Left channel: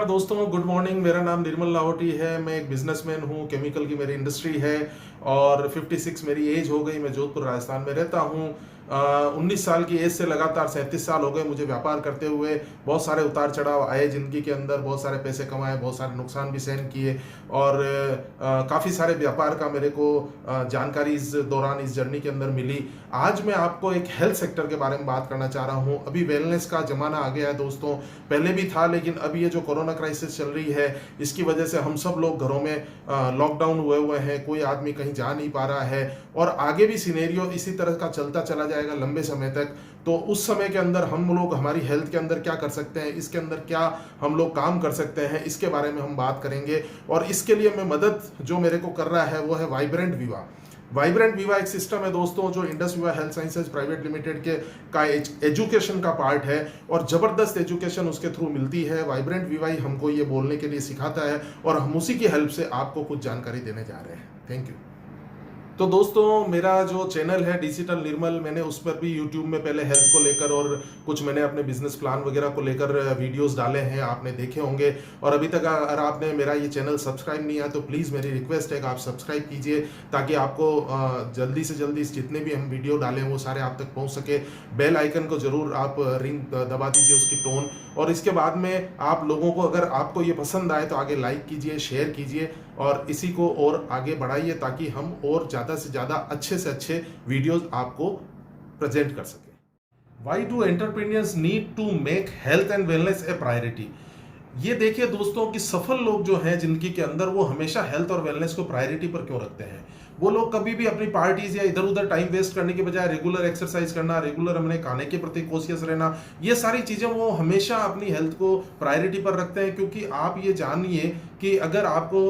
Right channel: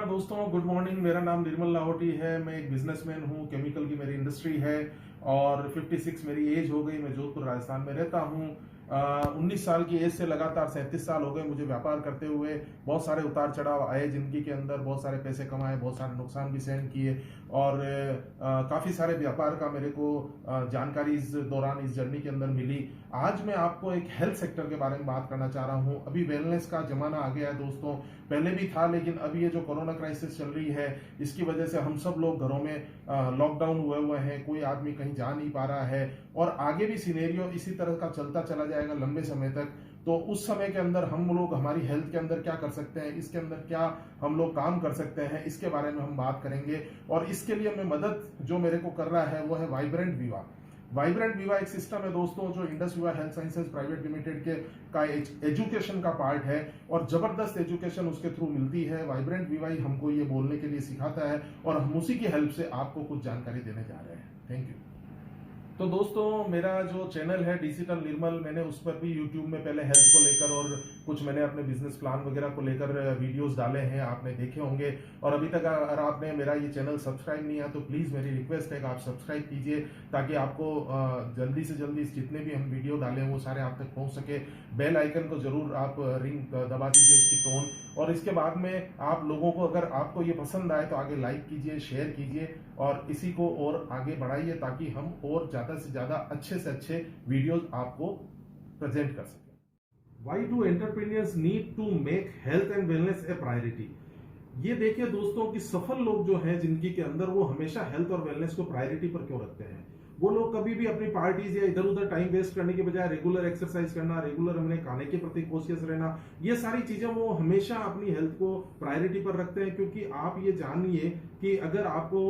नमस्कार दोस्तों, good morning. मेरा नाम निर्मल लाहौटी है। मैं एक बिजनेसमैन हूँ। केमिकल की मेरी इंडस्ट्री है और 56 मेरी एज हो गई। मैं जोधपुर राजस्थान में रहता हूँ। 19 साल की एज से लगातार 37 साल हो गए मुझे व्यापार करते हुए। बहुत सारे उतार चढ़ाव आए जिंदगी के अंदर, बहुत सारे पैसे कमाए, बहुत सारे नुकसान भी सहन किए और काफ़ी सारे व्यापार का मेरे को जानकारी इस दौरान, इस जर्नी के अंदर मिली। आज मैं आपको एक हेल्थ सेक्टर के बारे में बात करना चाह रहा हूँ। अभी वेलनेस का ज़माना आ गया है दोस्तों, पहले भी था लेकिन अभी ये जो कोरोना क्राइसिस चल रही है इसकी वजह से हम सब लोग घरों में लॉकडाउन हुए हैं, कोई आदमी कहीं जा नहीं पा रहा है और आगे भी सिनेरियो इसी तरह का चलता चला जाएगा लंबे समय तक। तो उस समय के अंदर हम लोग हमारी हेल्थ के अंदर क्या कर सकते हैं, इसके अंदर क्या हम लोग काम कर सकते हैं, इसके बारे में हम बात करेंगे। और इसके लिए मैं मदद जो मेरे को कर रहा है वो है वाइब्रेंट विवा। वाइब्रेंट विवा एक सिस्टम है दोस्तों जो इंडस विवा हेल्थ साइंसेज प्राइवेट लिमिटेड के का एजुकेशन का पार्ट है और ज़बरदस्त एजुकेशन उसके थ्रू मिलती है। वाइब्रेंट विवा ही हमको ये बोलने के लिए सिखाता है और हम उसी की हेल्प से आपको कुछ जानकारी देने जा रहे हैं। Thank you. तो दोस्तों, मेरा जो चैनल है डिजिटल निर्मल, मैंने उस पर भी यूट्यूब में पहले हेल्थ को लेकर और कुछ मैंने अपने बिजनेस प्लान वगैरह को लेकर वीडियोस डाले हैं, आपने देखे होंगे। और अभी तक अगर आपने मेरा ये चैनल सब्सक्राइब नहीं किया तो प्लीज़ मेरी रिक्वेस्ट है कि आप सब्सक्राइब कीजिए ताकि आपको जल्दी से जल्दी जितने भी हम वीडियो डालें वो सारे आप तक पहुँच सके। बेल आइकन को ज़रूर आप रिंग दबा दीजिए, उसकी टोन। और इसके बाद में आप लोगों को, अगर आपको ये पसंद आए तो आगे लाइक कीजिए, शेयर कीजिए और इसी को और आगे बढ़ाइए ताकि हम और ज़्यादा से ज़्यादा अच्छे से अच्छे वीडियोस आपको प्रेजेंट कर सकें। Why do entrepreneurs need to make health and wellness a priority? ये देखिए दोस्तों कि सफल लोग जो हैं जिंदगी के अंदर वो हमेशा हेल्थ और वेलनेस को प्रायोरिटी पर क्यों रखते हैं। वो लोग कभी भी अपनी पार्टीज या इधर उधर टाइम वेस्ट करने के बजाय रेगुलर एक्सरसाइज करना, रेगुलर अपने खाने के प्रति कॉशियस रहना, ये सारी चीजें वो हमेशा अपनी हेल्थ को प्रायोरिटी पर रखते हैं। क्योंकि आप ये जानिए कि अगर आपको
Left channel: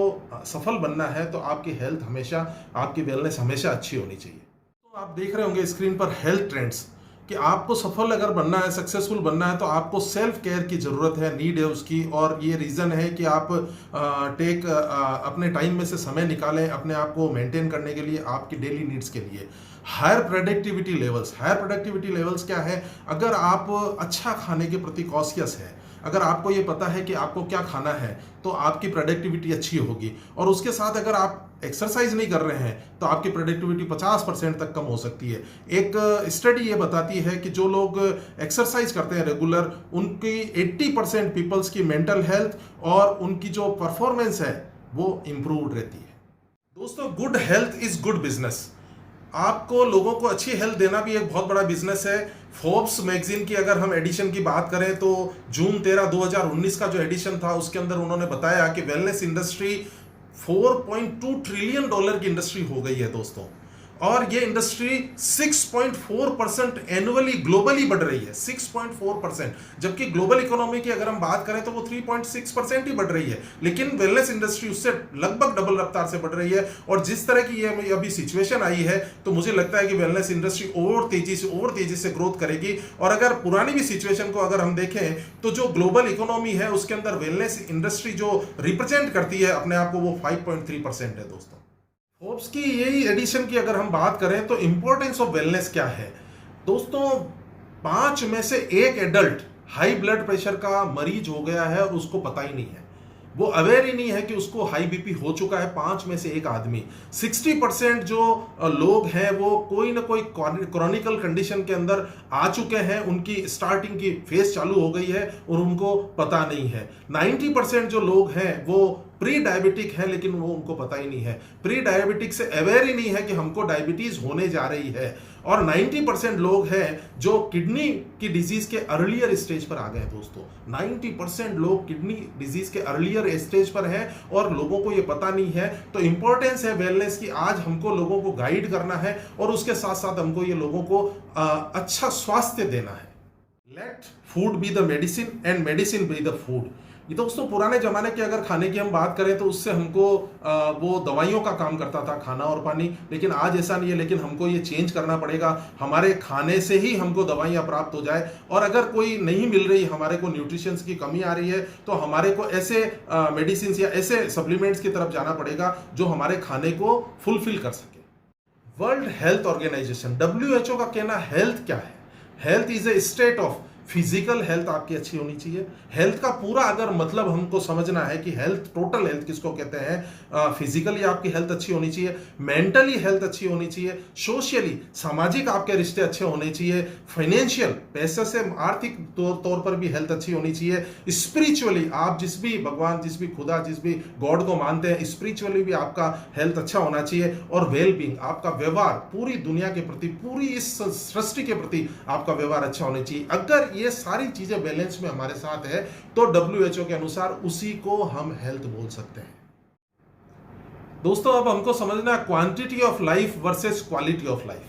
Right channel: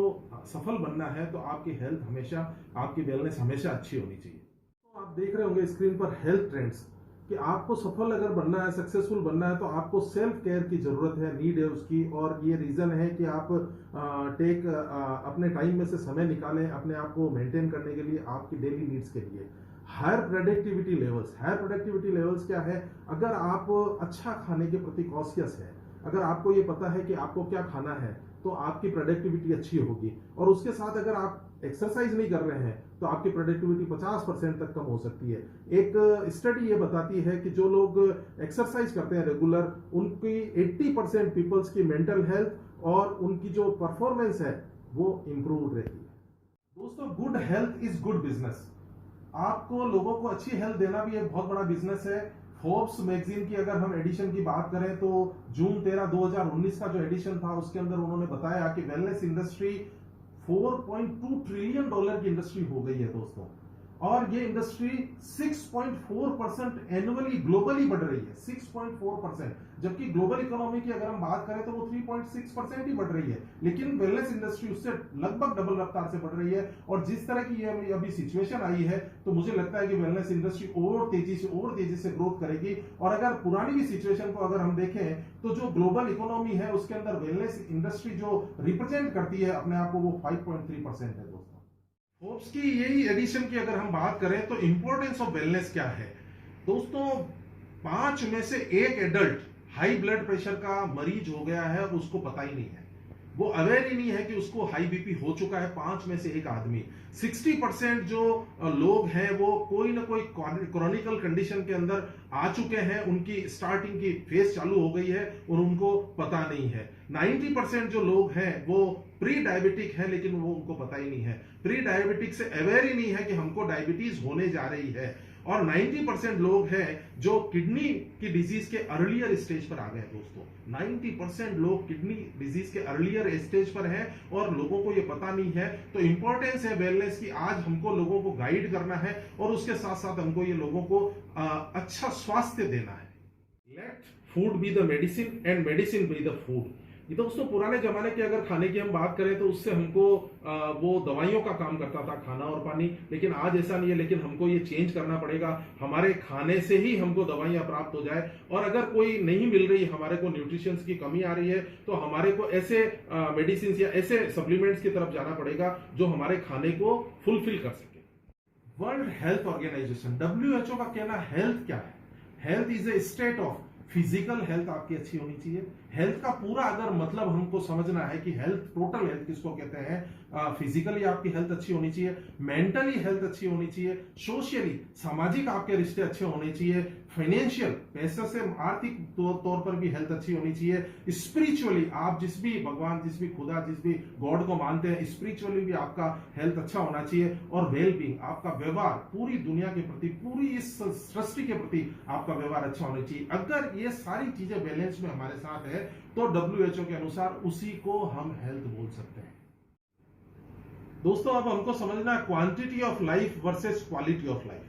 सफल बनना है तो आपकी हेल्थ हमेशा, आपकी वेलनेस हमेशा अच्छी होनी चाहिए। तो आप देख रहे होंगे स्क्रीन पर हेल्थ ट्रेंड्स कि आपको सफल अगर बनना है, सक्सेसफुल बनना है तो आपको सेल्फ केयर की ज़रूरत है, नीड है उसकी। और ये रीज़न है कि आप अपने टाइम में से समय निकालें अपने आप को मेंटेन करने के लिए, आपकी डेली नीड्स के लिए। Higher productivity levels, higher productivity levels क्या है? अगर आप अच्छा खाने के प्रति कॉशियस है, अगर आपको ये पता है कि आपको क्या खाना है तो आपकी प्रोडक्टिविटी अच्छी होगी। और उसके साथ अगर आप एक्सरसाइज नहीं कर रहे हैं तो आपकी प्रोडक्टिविटी 50% तक कम हो सकती है। एक स्टडी ये बताती है कि जो लोग एक्सरसाइज करते हैं रेगुलर, उनकी 80% पीपल्स की मेंटल हेल्थ और उनकी जो परफॉर्मेंस है वो इम्प्रूव रहती है। दोस्तों, good health is good business. आपको लोगों को अच्छी हेल्थ देना भी एक बहुत बड़ा बिजनेस है। फोर्ब्स मैगजीन की अगर हम एडिशन की बात करें तो जून 13 2019 का जो एडिशन था उसके अंदर उन्होंने बताया कि वेलनेस इंडस्ट्री $4.2 ट्रिलियन की इंडस्ट्री हो गई है दोस्तों। और ये इंडस्ट्री 6.4% एनुअली ग्लोबली बढ़ रही है, 6.4%। जबकि ग्लोबल इकोनॉमी की अगर हम बात करें तो वो 3.6% ही बढ़ रही है। लेकिन वेलनेस इंडस्ट्री उससे लगभग डबल रफ्तार से बढ़ रही है। और जिस तरह की ये अभी सिचुएशन आई है तो मुझे लगता है कि वेलनेस इंडस्ट्री और तेजी से ग्रोथ करेगी। और अगर पुरानी भी सिचुएशन को अगर हम देखें तो जो ग्लोबल इकोनॉमी है उसके अंदर वेलनेस इंडस्ट्री जो रिप्रेजेंट करती है अपने आप को, वो 5.3% है दोस्तों। फोर्ब्स की यही एडिशन की अगर हम बात करें तो इंपॉर्टेंस ऑफ वेलनेस क्या है दोस्तों, 5 में से 1 एडल्ट हाई ब्लड प्रेशर का मरीज हो गया है और उसको पता ही नहीं है, वो अवेयर ही नहीं है कि उसको हाई बीपी हो चुका है। 5 में से 1 आदमी। 60% जो लोग हैं वो कोई ना कोई क्रॉनिकल कंडीशन के अंदर आ चुके हैं, उनकी स्टार्टिंग की फेज चालू हो गई है और उनको पता नहीं है। 90% जो लोग हैं वो प्री डायबिटिक है लेकिन वो उनको पता ही नहीं है, प्री डायबिटिक से अवेयर ही नहीं है कि हमको डायबिटीज होने जा रही है। और 90% लोग हैं जो किडनी की डिजीज के अर्लियर स्टेज पर आ गए हैं दोस्तों। 90% लोग किडनी डिजीज के अर्लियर स्टेज पर हैं और लोगों को ये पता नहीं है। तो इंपॉर्टेंस है वेलनेस की, आज हमको लोगों को गाइड करना है और उसके साथ साथ हमको ये लोगों को अच्छा स्वास्थ्य देना है। Let food be the medicine and medicine be the food. ये दोस्तों, पुराने जमाने की अगर खाने की हम बात करें तो उससे हमको वो दवाइयों का काम करता था, खाना और पानी। लेकिन आज ऐसा नहीं है। लेकिन हमको ये चेंज करना पड़ेगा, हमारे खाने से ही हमको दवाइयाँ प्राप्त हो जाए। और अगर कोई नहीं मिल रही, हमारे को न्यूट्रिशंस की कमी आ रही है तो हमारे को ऐसे मेडिसिन या ऐसे सप्लीमेंट्स की तरफ जाना पड़ेगा जो हमारे खाने को फुलफिल कर सके। वर्ल्ड हेल्थ ऑर्गेनाइजेशन WHO का कहना हेल्थ क्या है? Health is a state of physical health आपकी अच्छी होनी चाहिए। हेल्थ का पूरा अगर मतलब हमको समझना है कि हेल्थ, टोटल हेल्थ किसको कहते हैं, फिजिकली आपकी हेल्थ अच्छी होनी चाहिए, मेंटली हेल्थ अच्छी होनी चाहिए, सोशली सामाजिक आपके रिश्ते अच्छे होने चाहिए, फाइनेंशियल पैसे से आर्थिक तौर पर भी हेल्थ अच्छी होनी चाहिए, स्पिरिचुअली आप जिस भी भगवान, जिस भी खुदा, जिस भी गॉड को मानते हैं, स्पिरिचुअली भी आपका हेल्थ अच्छा होना चाहिए, और वेल बीइंग आपका व्यवहार पूरी दुनिया के प्रति, पूरी इस सृष्टि के प्रति आपका व्यवहार अच्छा होना चाहिए। अगर ये सारी चीजें बैलेंस में हमारे साथ है तो WHO के अनुसार उसी को हम हेल्थ बोल सकते हैं। दोस्तों अब हमको समझना quantity of life versus quality of life.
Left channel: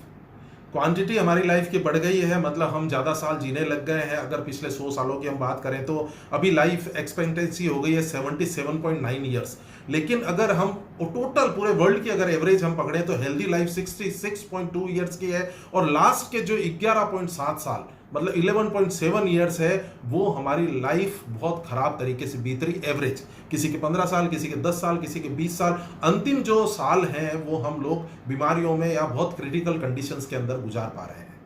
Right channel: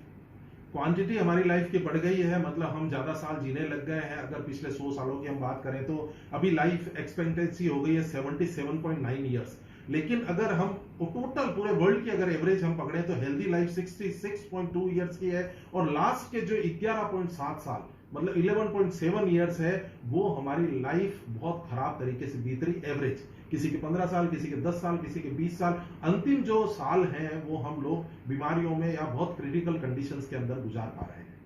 Quantity हमारी लाइफ की बढ़ गई है, मतलब हम ज़्यादा साल जीने लग गए हैं। अगर पिछले 100 सालों की हम बात करें तो अभी लाइफ एक्सपेक्टेंसी हो गई है 77.9 ईयर्स। लेकिन अगर हम टोटल पूरे वर्ल्ड की अगर एवरेज हम पकड़ें तो हेल्दी लाइफ 66.2 ईयर्स की है, और लास्ट के जो 11.7 साल मतलब 11.7 ईयर्स है वो हमारी लाइफ बहुत खराब तरीके से बीत रही। एवरेज किसी के 15 साल, किसी के 10 साल, किसी के 20 साल, अंतिम जो साल हैं वो हम लोग बीमारियों में या बहुत क्रिटिकल कंडीशंस के अंदर गुजार पा रहे हैं।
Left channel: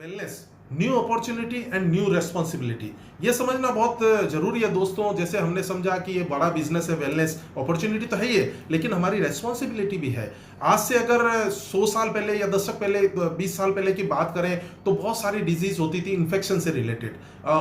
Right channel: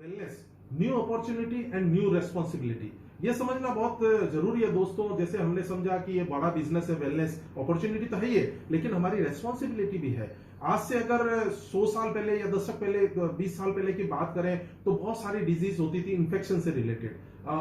Wellness, new opportunity and new responsibility, ये समझना बहुत जरूरी है दोस्तों। जैसे हमने समझा कि ये बड़ा बिजनेस है, वेलनेस अपॉर्चुनिटी तो है ही है, लेकिन हमारी रेस्पॉन्सिबिलिटी भी है। आज से अगर 100 साल पहले या दशक पहले, 20 साल पहले की बात करें तो बहुत सारी डिजीज होती थी इन्फेक्शन से रिलेटेड,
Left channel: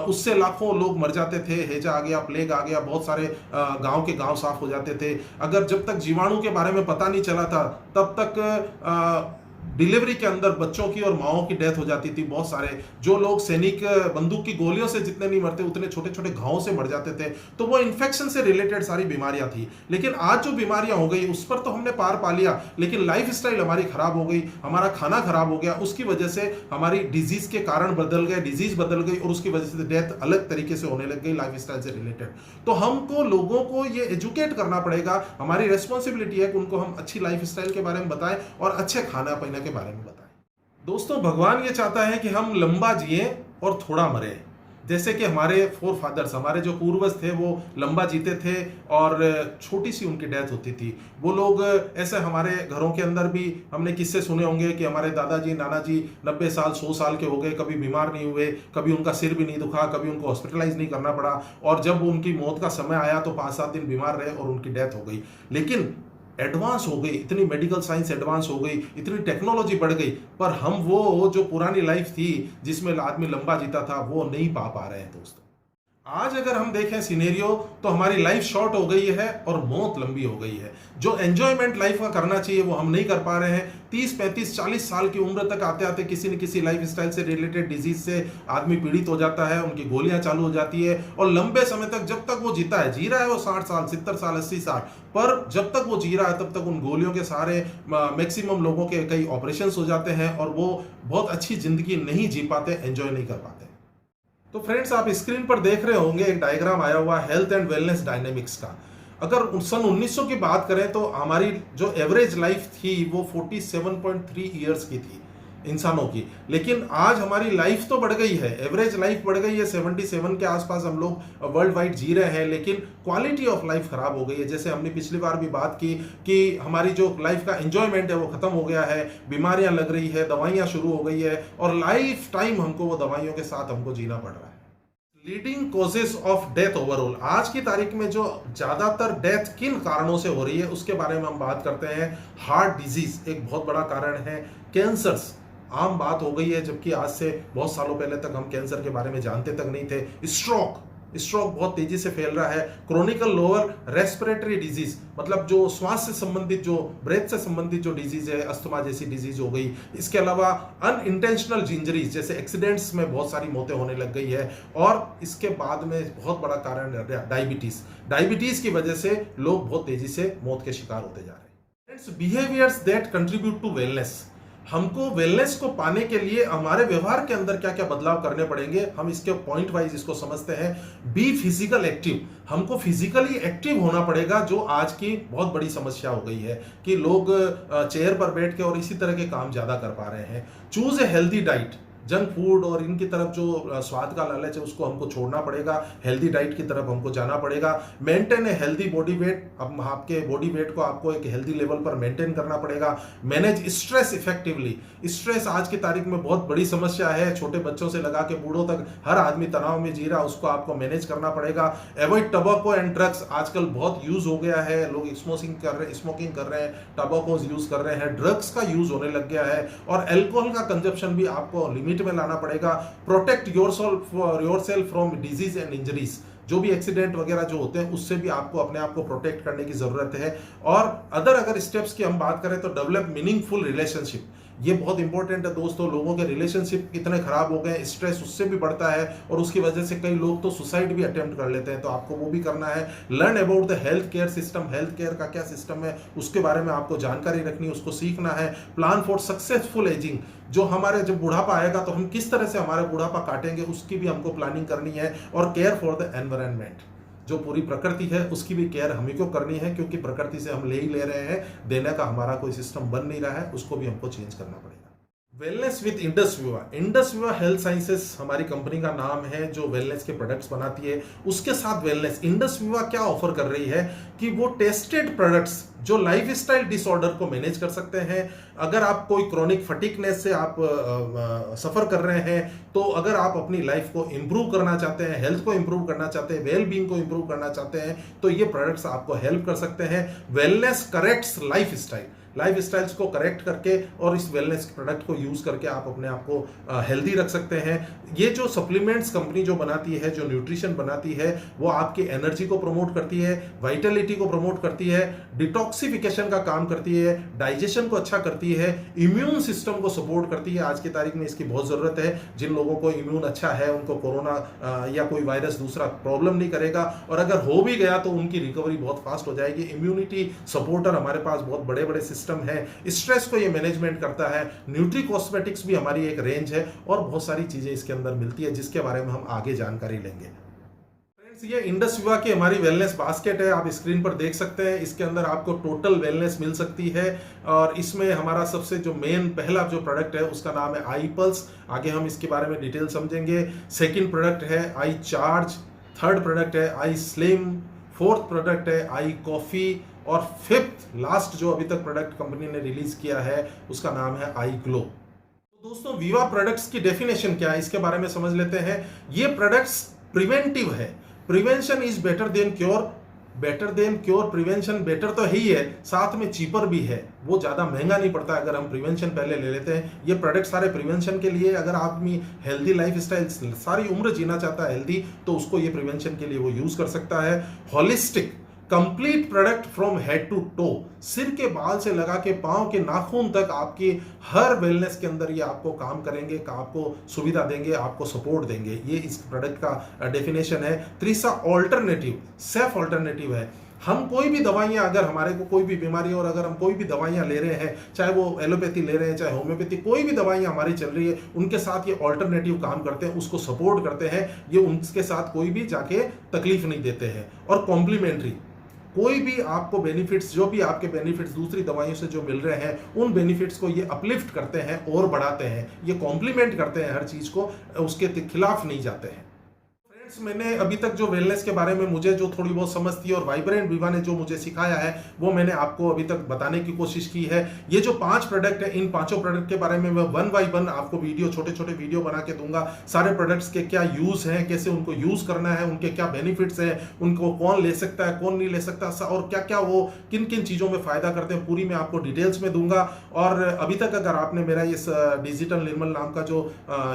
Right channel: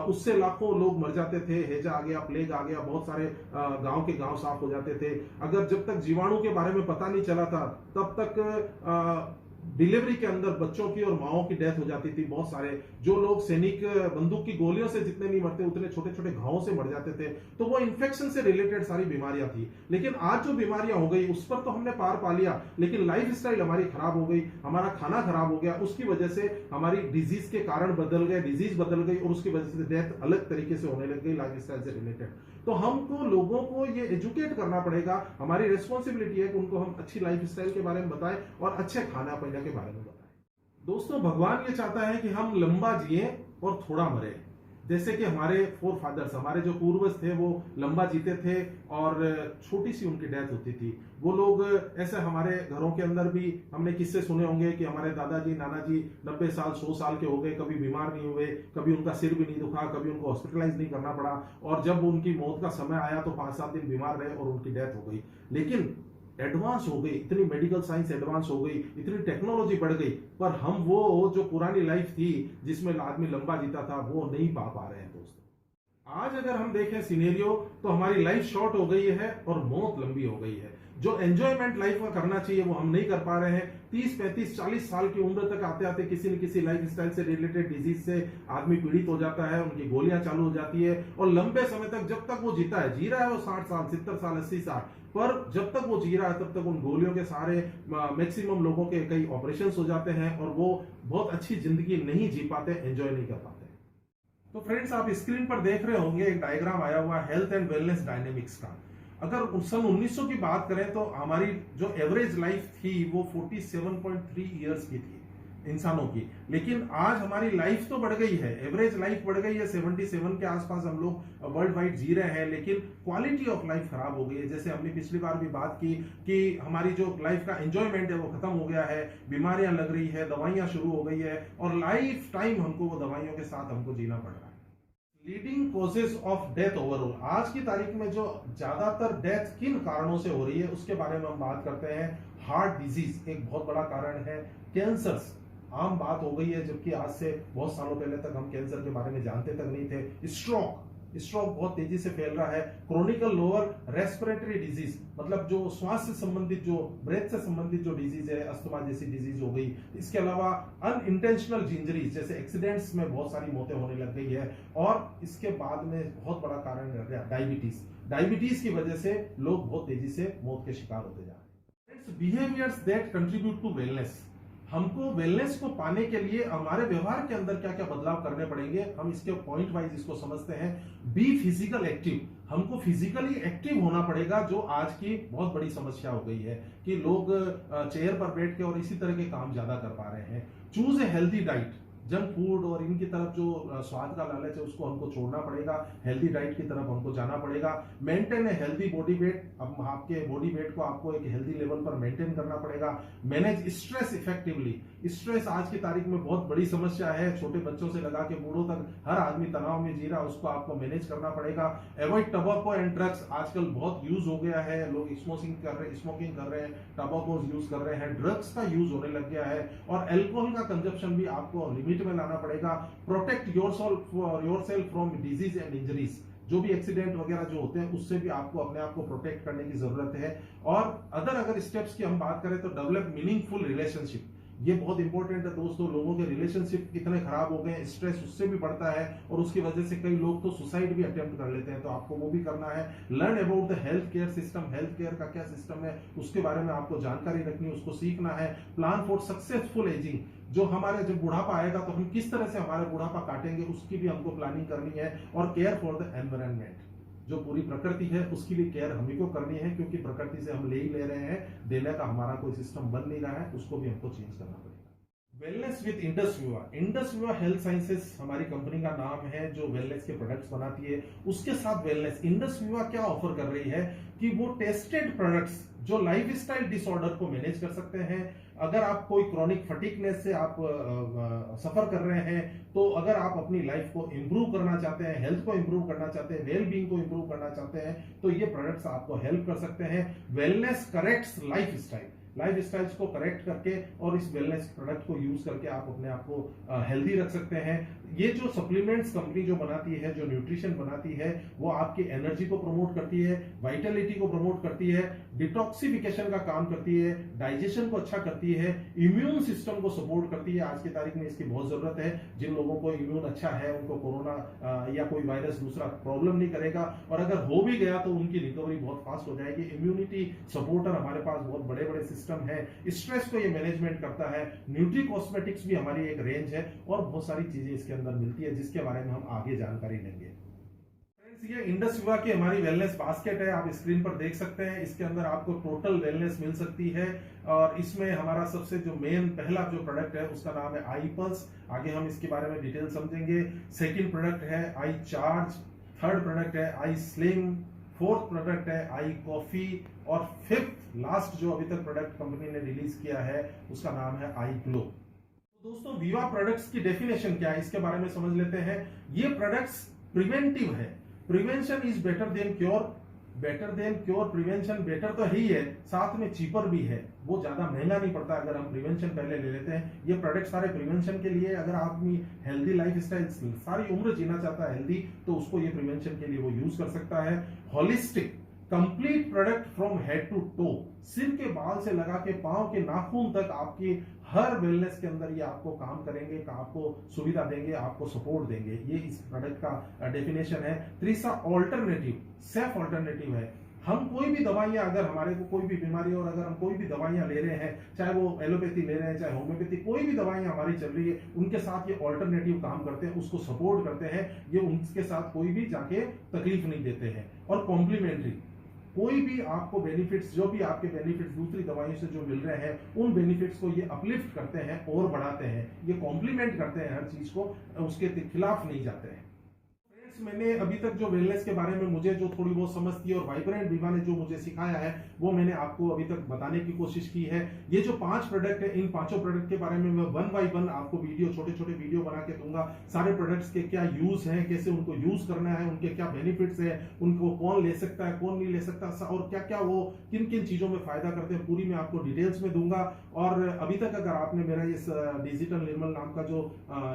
उससे लाखों लोग मर जाते थे। हैजा आ गया, प्लेग आ गया, बहुत सारे गांव के गांव साफ हो जाते थे। अगर जब तक जीवाणु के बारे में पता नहीं चला था तब तक डिलीवरी के अंदर बच्चों की और माओं की डेथ हो जाती थी। बहुत सारे जो लोग सैनिक बंदूक की गोलियों से जितने नहीं मरते उतने छोटे छोटे घावों से मर जाते थे। तो वो इन्फेक्शन से रिलेटेड सारी बीमारियां थी। लेकिन आज जो बीमारियां हो गई उस पर तो हमने पार पा लिया, लेकिन लाइफ स्टाइल हमारी खराब हो गई, हमारा खाना खराब हो गया, उसकी वजह से हमारी डिजीज के कारण बदल गए, डिजीज बदल गई, और उसकी वजह से डेथ अलग तरीके से होने लग गई लाइफ स्टाइल से रिलेटेड। तो हमको लोगों को ये एजुकेट करना पड़ेगा, हमारी रेस्पॉन्सिबिलिटी है कि उनको हम अच्छी लाइफ स्टाइल के बारे में बताएं और अच्छे खाना पीना के बारे में बताएं। दोस्तों भगवान ये चाहता है कि हम लंबा जिए और थोड़ा मरे। जैसे कि हमारे फोर फादर्स, हमारे जो पूर्वज थे वो लंबा जीते थे और छोटी सी उनकी डेथ होती थी। वो लोग ऐसे, हमारे घरों के अंदर भी हमने किस्से सुने होंगे कि हमारे दादाजी नानाजी 90 साल 100 साल के हो गए, कभी बीमार नहीं हुए, कभी उनका सिर भी नहीं दुखा, कभी उनको हॉस्पिटलाइज नहीं करना पड़ा, और जब उनकी मौत का समय आया तो 5-7 दिन बीमार रहे और उनकी डेथ हो गई। लेकिन एडवांस हो गई, इतनी मेडिकल साइंस एडवांस हो गई, इतनी टेक्नोलॉजी बढ़ गई, पर हम वो जो पुरानी लाइफ थी जिसमें आदमी लंबा जीता था वो नहीं पा रहे हैं दोस्तों। आज अगर हम देखें सिनेरियो तो हमारी लाइफ शॉर्ट हो गई है और मौत लंबी हो गई है। जो एंजॉयमेंट लाइफ का करना चाहिए वो हम नहीं कर पा रहे हैं। 30, 35, 40 साल की उम्र तक आते आते किसी न किसी लाइफ स्टाइल से रिलेटेड डिजीज से आदमी पीड़ित हो जाता है, उनकी गोलियां चालू हो जाती है, और लंबे समय तक जब तक वो जीता है, जी रहा है वो 60 साल 70 साल 80 साल, पर जब तक वो जी रहा है तब तक उन गोलियों के सहारे मैक्सिमम लोगों के कई ऑपरेशंस हो जाते हैं और वो बहुत अच्छी जिंदगी नहीं जी पाते, एंजॉय नहीं कर पाते। तो फ्रेंड्स आप स्क्रीन पर देख रहे होंगे एक डायग्राम आया हुआ हेल्थ एंड वेलनेस डायनेमिक्स का। अगर सन 1900 की बात करें तो हमारी जो एवरेज लाइफ थी वो 47.3 ईयर्स की थी इंसानों की, लेकिन आज हमारी लाइफ तो बढ़ गई है, एवरेज लाइफ बढ़ गई है, 77 के आसपास हम लोग वर्ल्ड वाइड जी रहे हैं, लेकिन क्वालिटी ऑफ लाइफ खराब हो गई है। जैसे हमने पिछली बार भी बात की कि हमारी जो लाइफ का एंजॉयमेंट है वो खत्म हो गया है, बीमारियां लग रही है, दवाइयां शुरू हो गई है, और लाइफ टाइम हमको वो दवाइयों के साथ हमको जीना पड़ रहा है। Leading causes of death overall, आज की तारीख में जो ज्यादातर डेथ किन कारणों से हो रही है उसके बारे में हम बात करते हैं। हार्ट डिजीज एक बहुत बड़ा कारण है, कैंसर्स आम बात हो गई है, जबकि आज से बहुत सालों पहले तक हम कैंसर के बारे में जानते तक नहीं थे। स्ट्रोक बहुत तेजी से फैल रहा है। क्रोनिकल लोअर रेस्पिरेटरी डिजीज, मतलब जो श्वास से संबंधित, जो ब्रेथ से संबंधित जो डिजीज है, अस्थमा जैसी डिजीज हो गई। इसके अलावा अनइंटेंशनल इंजरीज जैसे एक्सीडेंट्स में बहुत सारी मौतें होने लग गई है, और इसके बाद में बहुत बड़ा कारण डायबिटीज की वजह से लोग बहुत तेजी से मौत के शिकार होते जा रहे हैं। Behaviours that contribute to wellness, हमको वेलनेस को पाने के लिए हमारे व्यवहार के अंदर क्या क्या बदलाव करने पड़ेंगे, हम इसके पॉइंट वाइज इसको समझते हैं। बी फिजिकल एक्टिव, हमको फिजिकली एक्टिव होना पड़ेगा, जो आज की बहुत बड़ी समस्या हो गई है कि लोग चेयर पर बैठ के और इसी तरह के काम ज्यादा कर पा रहे हैं। Choose a healthy diet, junk food और इनकी तरफ जो स्वाद का लालच है उसको हमको छोड़ना पड़ेगा, हेल्दी डाइट की तरफ हमको जाना पड़ेगा। Maintain a healthy body weight, अब आपके बॉडी वेट को आपको एक हेल्दी लेवल पर मेंटेन करना पड़ेगा। मैनेज स्ट्रेस इफेक्टिवली, स्ट्रेस आज की तारीख में बहुत बड़ी समस्या है, छोटे बच्चों से लगा के बूढ़ों तक हर आदमी तनाव में जी रहा, उसको आपको मैनेज करना पड़ेगा। अवॉइड टबैको एंड ड्रग्स, आजकल बहुत यूज हो गया है, लोग स्मोकिंग कर रहे हैं, टबैको यूज कर रहे हैं, ड्रग्स का यूज होने लग गया है, और अल्कोहल का कंजप्शन भी आपको लिमिट में लाना पड़ेगा। Protect yourself from disease and injuries, जो भी एक्सीडेंट वगैरह जो होते हैं उससे भी आपको अपने आप को प्रोटेक्ट करने की जरूरत है। और अगर स्टेप्स की हम बात करें तो डेवलप मीनिंगफुल रिलेशनशिप, ये बहुत इंपॉर्टेंट है दोस्तों। लोगों के रिलेशनशिप इतने खराब हो गए, स्ट्रेस उससे भी बढ़ता है और उसकी वजह से कई लोग तो सुसाइड भी अटेम्प्ट कर लेते हैं, तो आपको वो भी करना है। Learn about the health care system, health care का क्या सिस्टम है उसके बारे में आपको जानकारी रखनी है, उसको सीखना है। प्लान फॉर सक्सेसफुल एजिंग, जो हमारे जब बुढ़ापा आएगा तो हम किस तरह से हमारा बुढ़ापा काटेंगे उसकी भी हमको प्लानिंग करनी है। और केयर फॉर द एनवायरनमेंट, जो पूरी प्रकृति है उसकी भी केयर हमें को करनी है, क्योंकि प्रकृति से हम ले ही ले रहे हैं, देने का हमारा कोई सिस्टम बन नहीं रहा है, उसको भी हमको चेंज करना पड़ेगा। वेलनेस विद इंडस विवा, इंडस विवा हेल्थ साइंसेस हमारी कंपनी का नाम है जो वेलनेस के प्रोडक्ट्स बनाती है। उसके साथ वेलनेस इंडस विवा क्या ऑफर कर रही है कि वो टेस्टेड प्रोडक्ट्स जो लाइफस्टाइल डिसऑर्डर को मैनेज कर सकते हैं। अगर आप कोई क्रॉनिक फटीकनेस से आप सफर कर रहे हैं, तो अगर आप अपनी लाइफ को इंप्रूव करना चाहते हैं, हेल्थ को इंप्रूव करना चाहते हैं, वेल बीइंग को इंप्रूव करना चाहते हैं, तो ये प्रोडक्ट्स आपको हेल्प कर सकते हैं। वेलनेस करेक्ट्स लाइफ स्टाइल्स को करेक्ट करके और इस वेलनेस प्रोडक्ट को यूज करके आप अपने आप को हेल्दी रख सकते हैं। ये जो सप्लीमेंट्स कंपनी जो बनाती है, जो न्यूट्रिशन बनाती है, वो आपकी एनर्जी को प्रमोट करती है, वाइटलिटी को प्रमोट करती है, डिटॉक्सिफिकेशन का काम करती है, डाइजेशन को अच्छा करती है, इम्यून सिस्टम को सपोर्ट करती है। आज की तारीख में इसकी बहुत जरूरत है। जिन लोगों को इम्यून अच्छा है उनको कोरोना या कोई वायरस दूसरा प्रॉब्लम नहीं करेगा, और अगर हो भी गया तो उनकी रिकवरी बहुत फास्ट हो जाएगी। इम्यूनिटी सपोर्टर हमारे पास बहुत बड़े बड़े सिस्टम है, स्ट्रेस को ये मैनेजमेंट करता है। न्यूट्री कॉस्मेटिक्स भी हमारी एक रेंज है, और बहुत सारी चीजें इसके अंदर मिलती है जिसके बारे में हम आगे जानकारी लेंगे। फ्रेंड्स, ये इंडस विवा की हमारी वेलनेस बास्केट है, आप स्क्रीन पर देख सकते हैं। इसके अंदर आपको टोटल वेलनेस मिल सकती है, और इसमें हमारा सबसे जो मेन पहला जो प्रोडक्ट है उसका नाम है आई पल्स। आगे हम इसके बारे में डिटेल समझेंगे। सेकंड प्रोडक्ट है आई चार्ज, थर्ड प्रोडक्ट है आई स्लिम, फोर्थ प्रोडक्ट है आई कॉफी, और फिफ्थ लास्ट जो अभी तक प्रोडक्ट कंपनी ने रिलीज किया है उसका नाम है आई ग्लो। तो दोस्तों, विवा प्रोडक्ट्स की डेफिनेशन क्या है इसके बारे में समझ लेते हैं। ये प्रोडक्ट्स प्रिवेंटिव है, prevention is better than cure, prevention better तो ही है, साथ में चीपर भी है, वो ज्यादा महंगा नहीं पड़ता अगर हम प्रिवेंशन पहले ले लेते हैं। ये प्रोडक्ट सारे प्रिवेंशन के लिए, अगर आदमी हेल्दी लाइफस्टाइल सारी उम्र जीना चाहता है हेल्दी, तो उसको ये प्रिवेंशन के लिए वो यूज कर सकता है। Holistic complete product from head to toe, सिर के बाल से लगा के पांव के नाखून तक आपकी हर वेलनेस के अंदर ये आपको काम करेंगे, आपको सुविधा देंगे, आपको सपोर्ट देंगे। ये इस प्रोडक्ट का डेफिनेशन है। तीसरा ऑल्टरनेटिव, सेफ ऑल्टरनेटिव है। हम कोई भी दवाइयां, अगर हमारे को कोई भी बीमारी और अगर हम कोई भी दवाइयां ले रहे हैं, चाहे वो एलोपैथी ले रहे हैं चाहे होम्योपैथी, कोई भी दवाइयां हमारी चल रही है, उनके साथ ये ऑल्टरनेटिव काम करते हैं, उसको सपोर्ट करते हैं। ये उनके साथ कोई भी जाके तकलीफ नहीं देते हैं। और कॉम्प्लीमेंट्री, कोई भी आपको बेनिफिट्स, जो भी आपके बेनिफिट्स दूसरी दवाइयों से जो मिल रहे हैं, उन बेनिफिट्स को ये अपलिफ्ट करते हैं और बढ़ाते हैं, ये कॉम्प्लीमेंट करते हैं हर चीज को, उसके खिलाफ नहीं जाते हैं। मैंने अभी तक जो वेलनेस के बारे में मुझे जो थोड़ी बहुत समझ थी और वाइब्रेंट विवा ने जो मुझे सिखाया है वो मैंने आपको अभी तक बताने की कोशिश की है। ये जो 5 प्रोडक्ट है, इन पांचों प्रोडक्ट के बारे में मैं 1 बाय 1 आपको छोटे छोटे वीडियो बना के दूंगा। सारे प्रोडक्ट्स के क्या यूज हैं, कैसे उनको यूज करना है, उनके क्या बेनिफिट्स हैं, उनको कौन ले सकता है कौन नहीं ले सकता, और क्या क्या वो किन किन चीजों में फायदा करते हैं, पूरी मैं आपको डिटेल्स में दूंगा। और अभी तक अगर आपने मेरा इस डिजिटल निर्मल नाम का जो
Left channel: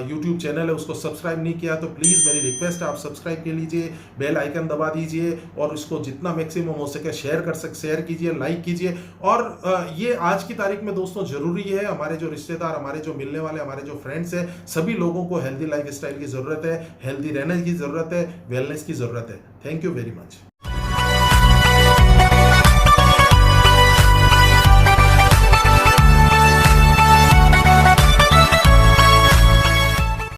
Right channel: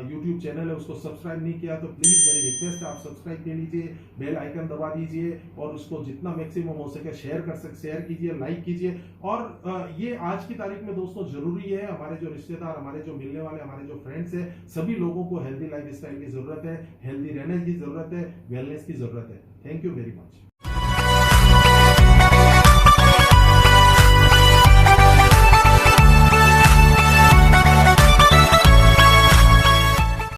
यूट्यूब चैनल है उसको सब्सक्राइब नहीं किया तो प्लीज मेरी रिक्वेस्ट है आप सब्सक्राइब कर लीजिए, बेल आइकन दबा दीजिए, और इसको जितना मैक्सिमम हो सके शेयर कीजिए, लाइक कीजिए। और ये आज की तारीख में दोस्तों जरूरी है, हमारे जो रिश्तेदार, हमारे जो मिलने वाले, हमारे जो फ्रेंड्स हैं, सभी लोगों को हेल्दी लाइफ स्टाइल की जरूरत है, हेल्दी रहने की जरूरत है, वेलनेस की जरूरत है। Thank you very much.